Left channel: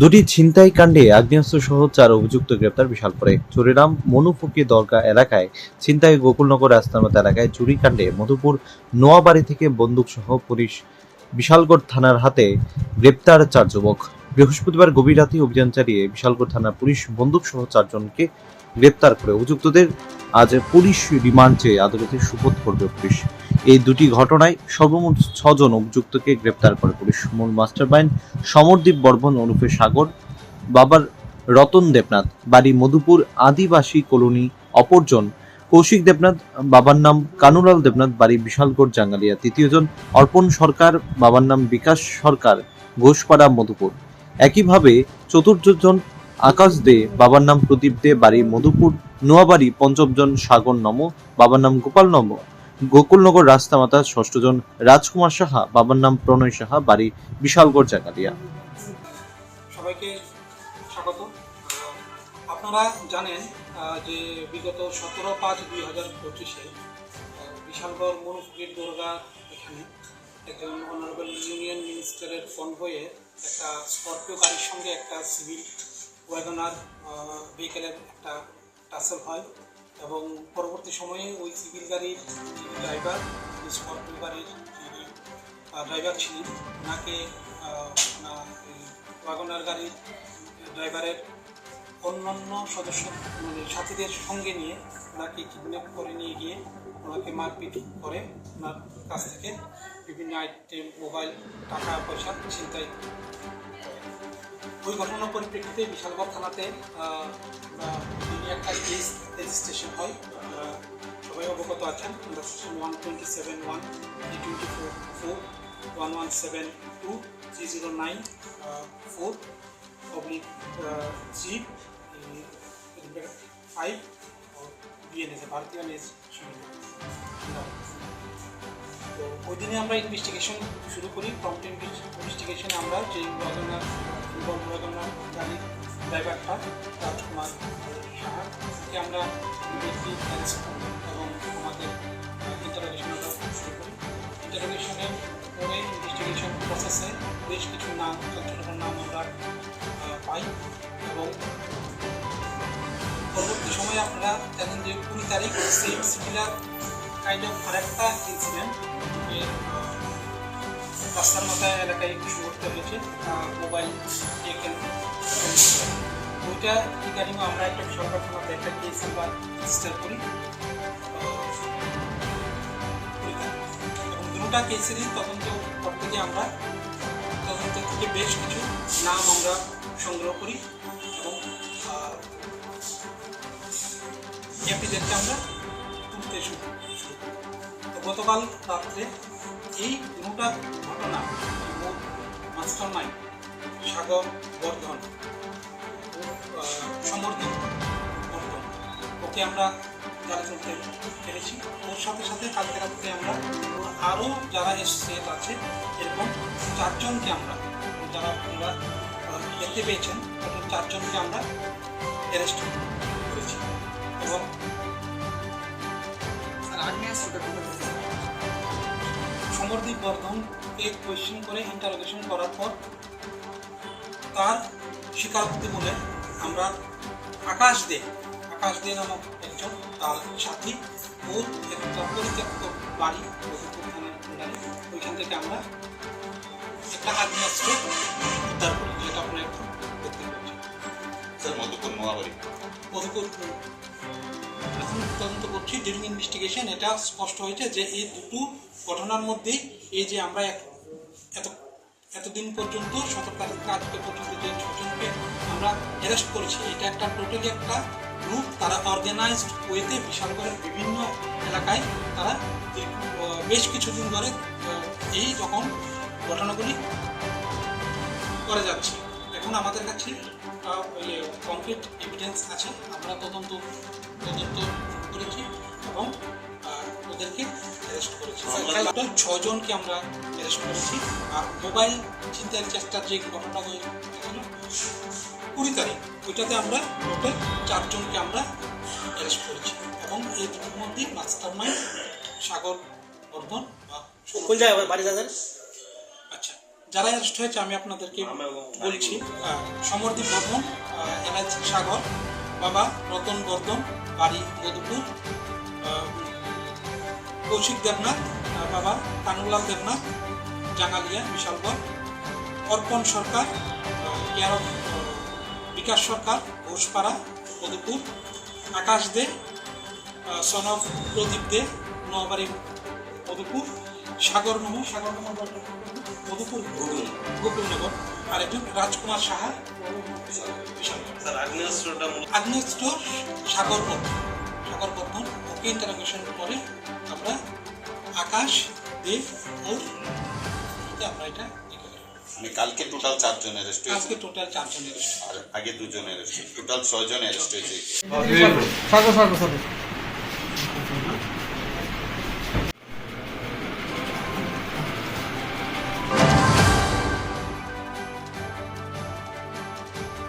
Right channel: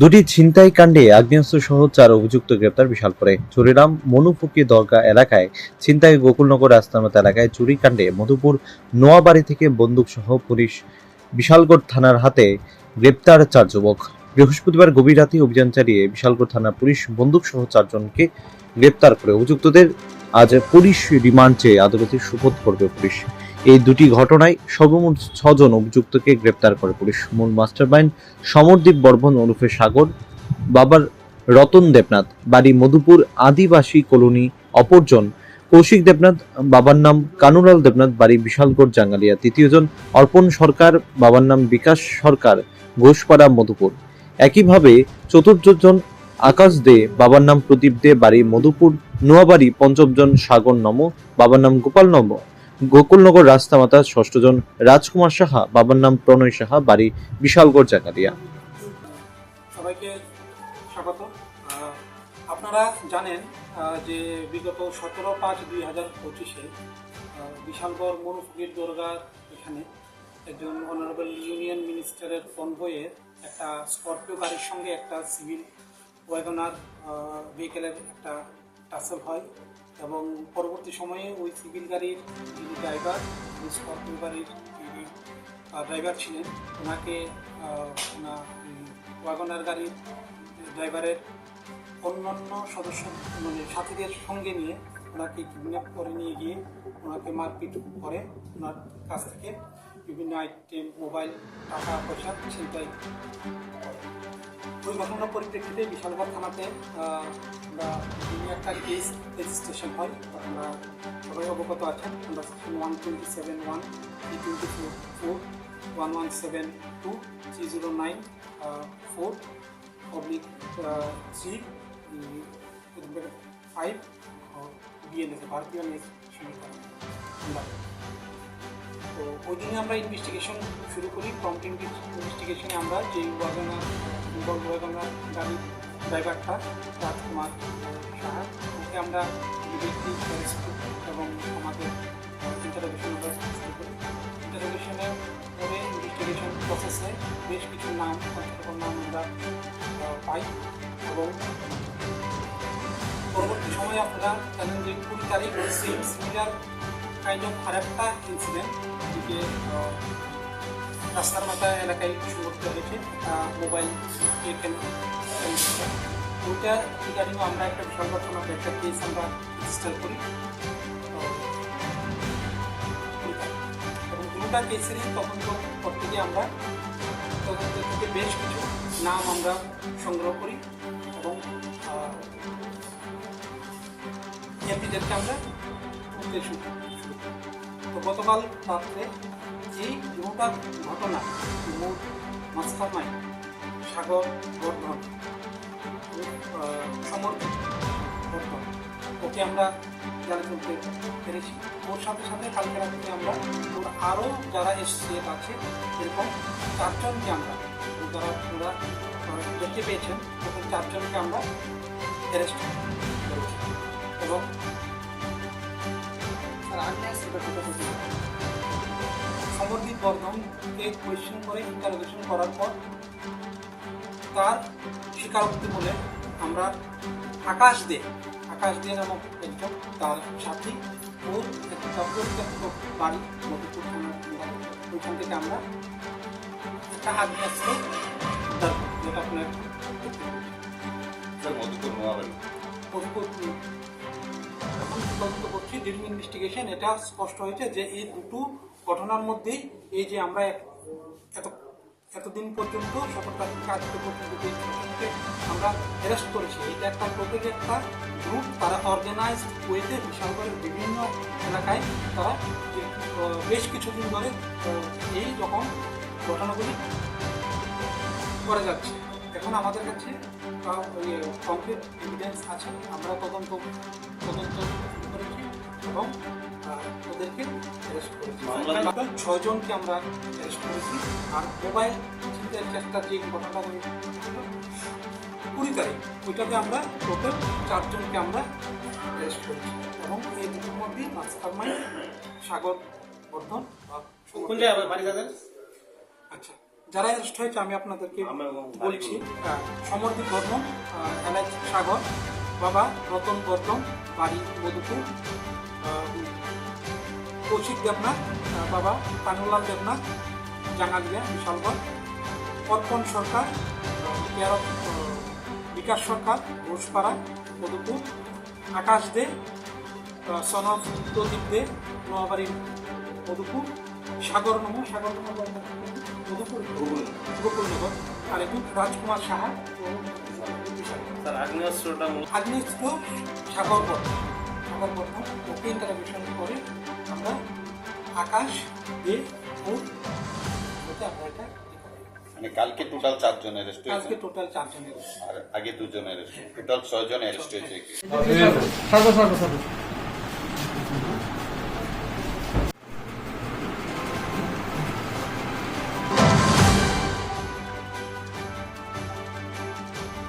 দুটি ছিনতাই কাণ্ডে আগ্নেয়াস্ত্র সহ 4 অভিযুক্ত গ্রেপ্তার বিশালপুরে। চুরিরাম মনুফুকি দরগা এলাকায় ছিনতাই, গোকুলনগর রাস্তার এলাকায় চুরি কাণ্ডে মধুপুর নোয়াবাড়ি থেকে বন্দুক সহ পুলিশ বিশালগড় থানার হাতে গ্রেপ্তার 4 যুবক। বৃহস্পতিবার গভীর রাতে অভিযান চালিয়ে বিশালগড় থানার পুলিশ বন্দুক সহ 4 জনকে গ্রেপ্তার করে অভিযুক্তদের আজ পুলিশ রিমান্ড চেয়ে আদালতে সোপর্দ করবে পুলিশ। এই দুটি ঘটনায় সর্বমোট 6 জন অভিযুক্তকে গ্রেপ্তার করে পুলিশ। মূল মাস্টারমাইন্ড সমরদীপ বর্মন ওরফে সাগর, বাবার রতন দেবনাথ, বাড়ি মধুপুর আদিবাসী কলোনি; অপরজন কৌশিক দেবনাথ, বাবার নাম কানুলাল দেবনাথ, বাড়ি বিশালগড় জাঙ্গালিয়া; তৃতীয়জন অর্পণ সরকার, বাবার নাম বিকাশ সরকার, ঘোষপাড়া মধুপুর। একইভাবে চতুর্থজন আকাশ দে, বাবার নাম প্রদীপ দে, বাড়ি মধুপুর নোয়াবাড়ি; পঞ্চমজন সাগর নম, বাবার নাম গোপাল নম, গোকুলনগর রাস্তামাতা; ষষ্ঠজন রাজকুমার সাহা, বাবার নাম প্রণয় সাহা, বাড়ি বিশালগড় জাঙ্গালিয়া। সবাইকে স্বাগত। আপনারা জানেন যে বিগত 17/5/2025 বিশালগড় মনুফুকির দরগা এখানে একজন অনারেবল ইউনিয়ন মিনিস্টারের কনভয়ে একটা স্করপিও গাড়ির সঙ্গে একটা সিভিল ওয়াগনার ভেহিকেলের একটা টাসেল হয় এবং পরবর্তী সময়ে ওই সিভিল গাড়ির যিনি ড্রাইভার, স্করপিও গাড়ির যিনি ড্রাইভার ছিলেন, ওনাকে ওয়াগনার গাড়ির ড্রাইভারের অন্যান্য সদস্য সাথীদের সঙ্গে নিয়ে ওনাকে কিডন্যাপ করে নিয়ে গিয়ে ওনাকে মারপিট করে ওনার কাছ থেকে বিভিন্ন আইটেম, মোবাইল, টাকা পয়সা ছিনতাই করে। ওই ঘটনার পরিপ্রেক্ষিতে বিশালগড় থানাতে তিনি একটা কেস রেজিস্ট্রেশন হয়। আমরা সবাই অবগত আছেন। আমরা সেকশন 127(1), 324(4), 1172, 309(4)/3/5 বিএনএস, ভারতীয় ন্যায় সংহিতা। তো ওই দিনে আমরা ইনভেস্টিগেশন শুরু করি। প্রম্পট ইনভেস্টিগেশনে আমরা যে ওয়াগনার গাড়ির ড্রাইভারটা রাজকুমার সাহা, ওকে আমরা ইমিডিয়েটলি অ্যারেস্ট করি এবং আমাদের ইন্টারোগেশন আমরা শুরু করি। ইন্টারোগেশনে পরে ইনভেস্টিগেশন প্রসেসে বেশ কিছু নাম, ছোটো নাম আমরা পাই এবং পরবর্তী সময়ে আপনারা জানেন যে 20 তারিখ সেম সিমিলার কাইন্ড অফ আরেকটা ইনসিডেন্ট যে রাস্তার মাথা এলাকায় সংঘটিত হয়েছে, একটা মোবাইল ভেহিকেল। ওইটা রিগার্ডিং আমরা একটা বিশালগড় থানাতে একটা কেস আমরা রেজিস্টার করি এবং দুটা কেসেরই তদন্ত করতে গিয়ে আমরা তদন্ত থেকে বেশ কিছু নাম আমরা সংগ্রহ করি এবং এপিদেরকে আমরা তুলতে শুরু করি। তো গতকাল রাত্রে এই দুটা ঘটনা মূল মাস্টারমাইন্ড সাগর বর্ধন, সমরদীপ বর্ধন, ওকে আমরা জালে তুলতে পেরেছি। ওর সাথে সাথে কালকে রাত্রে আমরা ওর আরও যারা এসোসিয়েট আছে এরকম 4 জনকে আমরা, যারা আপনারা দেখতে পেয়েছেন, টোটাল 4 জনকে আমরা অ্যারেস্ট করেছি এবং সমরদীপ বর্ধনকে কোয়েশ্চেন করে ইন্টারোগেশন করার পর তার স্বীকারোক্তি বলে আমরা আকাশ দে নামক একজন তার সাথী, ওর একটা পরিত্যক্ত বাড়ি মধুপুর থানার আন্ডারে, ওইখান থেকে আমরা একটা আগ্নেয়াস্ত্র উদ্ধার করি, যেটা আপনার এখন দেখতে পাচ্ছেন। মধুপুর এখন তদন্ত করছি। ডিউরিং ইনভেস্টিগেশন এটা স্পষ্ট হয়েছে যে এই দুটো ঘটনার মধ্যেই এই যে আমরা এতদিন পর্যন্ত 17 তারিখ আজকে পর্যন্ত যে 6 জনকে আমরা অ্যারেস্ট করেছি, এটা একটা টোটালি একটা গ্রুপ। তারা অর্গানাইজড ওয়েতে বিশালগড়ের বিভিন্ন এলাকায় তারা বেশ কিছুদিন ধরে এই যখন ঘটনাগুলি করে যাচ্ছে। এখন আমাদের কাছে কমপ্লিট এভিডেন্স আছে, আমরা তদন্ত করেছি এবং ওদেরকে অ্যারেস্ট করেছি। টোটাল 6 জনকে আমরা অ্যারেস্ট করেছি। আর মোবাইল ছিনতাইয়ের চেষ্টার যে ঘটনাটা হয়েছিল 20 তারিখ, ওইটাতে আমরা টোটাল 4 জনকে আমরা অ্যারেস্ট করেছি এবং এই দুটোর মধ্যে মাস্টারমাইন্ড সাগর বর্ধন বা কোন জায়গায় বাড়ি তাদের? আচ্ছা, যারা অ্যারেস্ট হয়েছে আমি আপনাদেরকে বলছি। সমরদীপ বর্মন, এলাচ সাগর, বাবা রতন বর্ধন, বাড়ি মধুপুর, কৌশিক দেবনাথ, বাবা কানুলাল Debnath, Jangalia Bishalgarh, Arpan Sarkar, care of Bikash Sarkar, Ghoshpara Madhupur, Akash Dey, son of Pradip Dey, Noabari Madhupur, Sagar Madhupur Gokulnagar, আর একজন রাজকুমার সাহা আগ্নেয়াস্ত্র সাগর বর্ধন। ওকে ইন্টারোগেশন করে আমরা আকাশ দে ওর আমরা এটা মানে কালকে টোটাল 4 জন অ্যারেস্ট হয়েছে, আজকে টোটাল 4 জন আর আগে 2 জন অ্যারেস্ট, টোটাল 6 জন অ্যারেস্ট হয়েছে। সাগর